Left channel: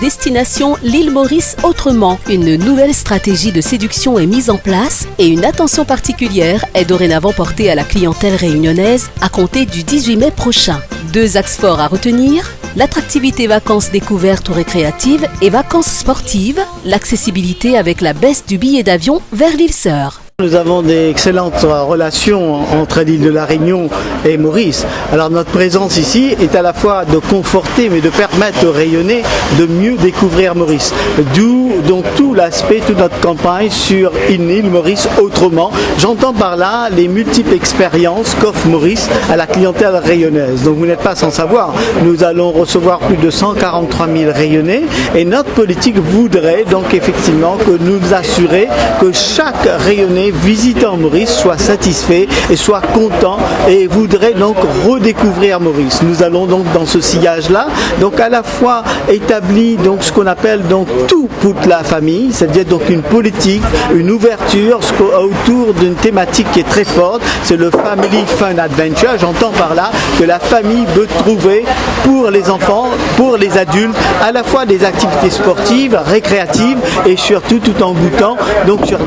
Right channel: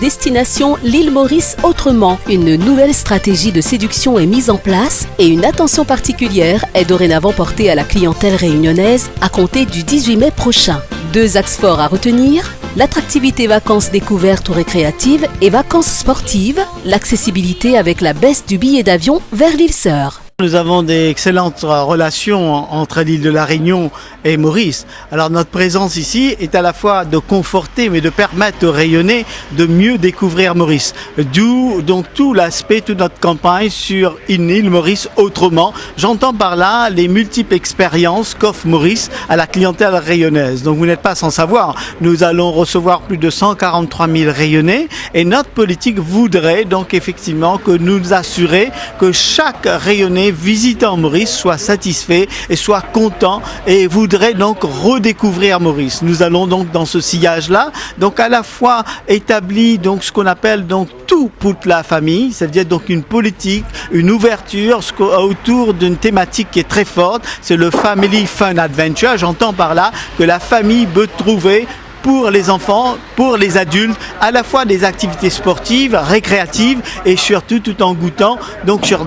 Destination l'île Maurice autrement. Une nouvelle stratégie de séduction est mise en place et une attention particulière est dorénavant portée à la clientèle réunionnaise à compter du 18 mai prochain. 2 axes forts à retenir: l'attractivité vacances découvertes ou récréatives et vacances sportives, l'accessibilité avec la baisse du billet d'avion vers l'île Sœur. Nous avons d'excellentes relations entre l'île de la Réunion et Maurice. Alors notre présence ici est à la fois de conforter mais de permettre aux Réunionnais de mieux découvrir Maurice. D'où donc tout l'aspect, toute notre campagne sur une île Maurice autrement. J'entends par là les multiples expériences qu'offre Maurice à la clientèle rayonnaise. Donc vous n'êtes pas sans savoir, nous allons recevoir plus de 143 000 Rayonnais et notre politique voudrait donc effectivement que nous assurer que chaque Rayonnais visitant Maurice soit satisfait et soit content et voudrait donc redécouvrir Maurice. Nous allons donc dans ce sillage-là, donc à la fois établir donc ce qu'on appelle donc tout pour la famille, ça veut dire donc une politique, une ouverture autour d'une thématique qui est très forte, c'est le Family Fun Adventure. J'entends par là que la famille peut trouver pour les enfants, pour les adultes, à la fois des activités sportives, récréatives et surtout tout en goûtant donc sur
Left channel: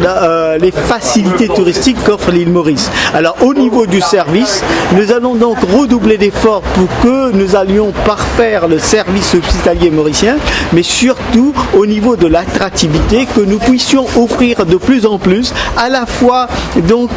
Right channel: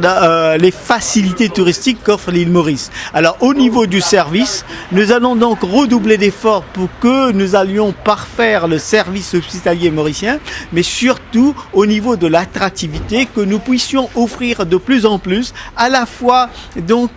les facilités touristiques qu'offre l'île Maurice. Alors au niveau du service, nous allons donc redoubler d'efforts pour que nous allions parfaire le service hospitalier mauricien, mais surtout au niveau de l'attractivité, que nous puissions offrir de plus en plus à la fois donc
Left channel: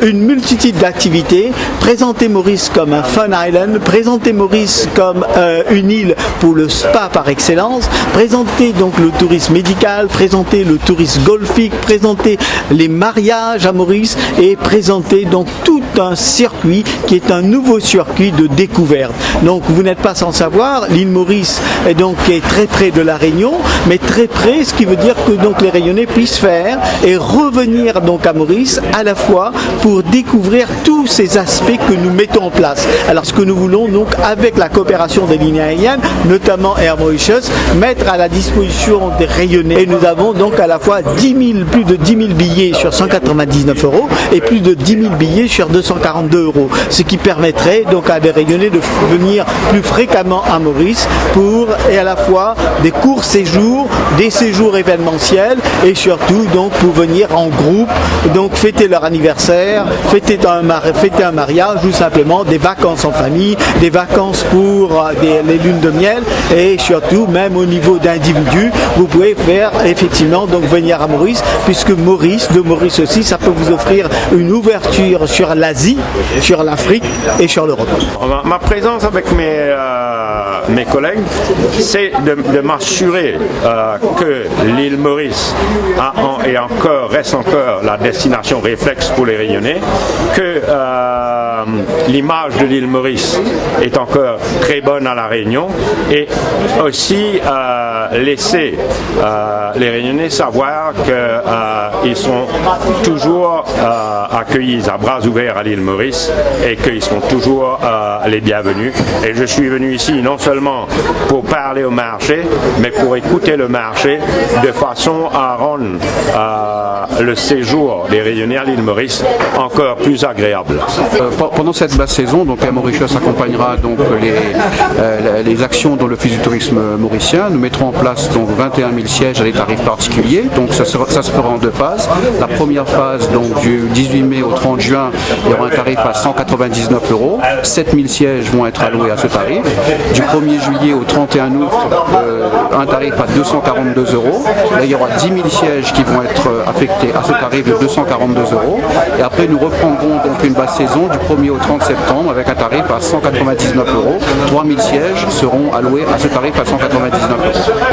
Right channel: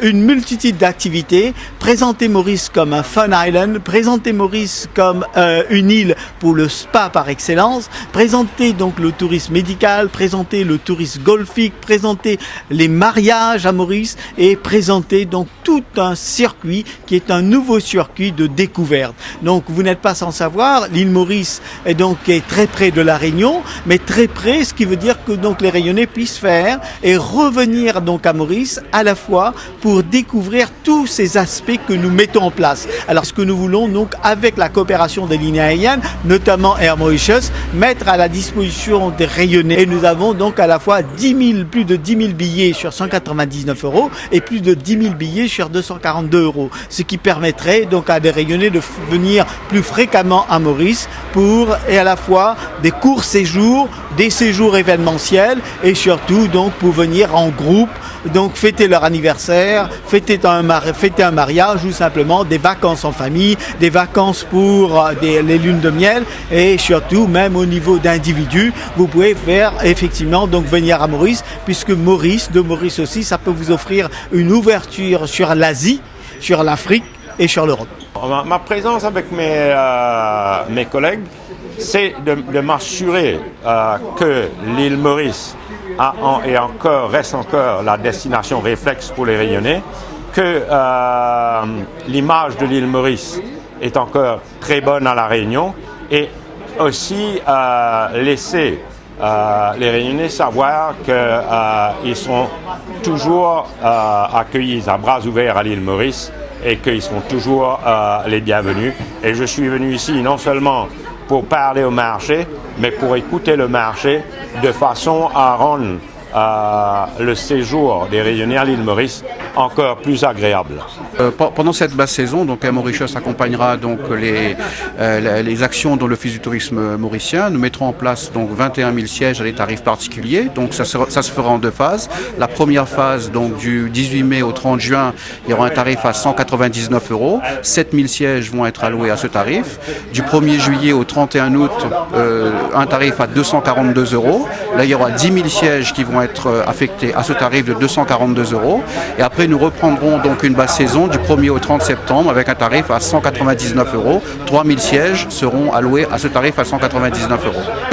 une multitude d'activités, présenter Maurice comme un fun island, présenter Maurice comme une île pour le spa par excellence, présenter donc le tourisme médical, présenter le tourisme golfique, présenter les mariages à Maurice et présenter donc tout un circuit qui est un nouveau circuit de découverte. Donc vous n'êtes pas sans savoir, l'île Maurice est donc très près de la Réunion, mais très près, ce qui veut dire que donc les Réunionnais puissent faire et revenir donc à Maurice à la fois pour découvrir tous ces aspects que nous mettons en place. Alors ce que nous voulons donc avec la coopération des lignes aériennes, notamment Air Mauritius, mettre à la disposition des Réunionnais. Et nous avons donc à la fois plus de 10 000 billets sur 199 € et plus de 10 000 billets sur 242 €, ce qui permettrait donc à des Réunionnais de venir plus fréquemment à Maurice pour et à la fois des courts séjours, des séjours événementiels et surtout donc pour venir en groupe, donc fêter leur anniversaire, fêter un mariage ou simplement des vacances en famille, des vacances pour les lunes de miel et surtout même au niveau d'individus, vous pouvez faire effectivement donc venir à Maurice puisque Maurice aussi, ça peut vous offrir une ouverture sur l'Asie, sur l'Afrique et sur l'Europe. Ma présence avec mes collègues, c'est de m'assurer que l'île Maurice reste encore la destination réflexe pour les Réunionnais, que l'image de l'île Maurice est encore très bonne à la Réunion et aussi laisser les Réunionnais savoir qu'ils sont toujours accueillis à bras ouverts à l'île Maurice et qu'ils sont toujours les bienvenus. Et je suis venu ici non seulement pour parler au marché, mais pour écouter le marché de façon à rendre le séjour des Réunionnais à l'île Maurice encore plus agréable. Pendant cette basse saison, donc Air Mauritius accompagnera donc les actions dans le l'Office du tourisme mauricien. Nous mettrons en place donc 21 000 sièges à des tarifs particuliers. Donc ça se fera en 2 phases. La première phase, donc du 18 mai au 30 juin, il y aura un tarif à 199 €. 7 000 sièges vont être alloués à ce tarif. Du 1er juillet au 31 août, un tarif à 242 €. Là, il y aura 10 000 sièges qui vont être affectés à ce tarif de 242 €. Et après, nous reprendrons donc une basse saison du 1er au 30 septembre avec un tarif à 199 €. 3 000 sièges seront alloués à ce tarif à 199 €.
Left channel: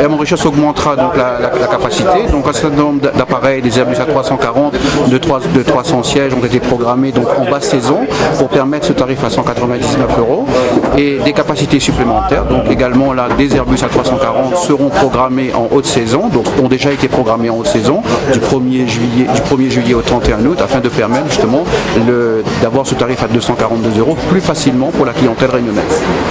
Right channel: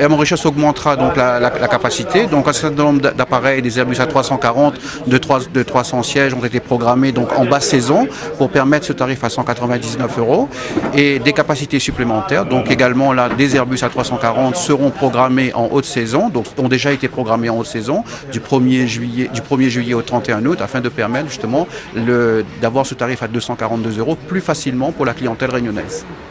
Air Mauritius augmentera donc la capacité. Donc un certain nombre d'appareils, des Airbus A340 de 300 sièges ont été programmés donc en basse saison pour permettre ce tarif à 199 € et des capacités supplémentaires. Donc également là, des Airbus A340 seront programmés en haute saison, donc ont déjà été programmés en haute saison du 1er juillet au 31 août afin de permettre justement d'avoir ce tarif à 242 € plus facilement pour la clientèle réunionnaise.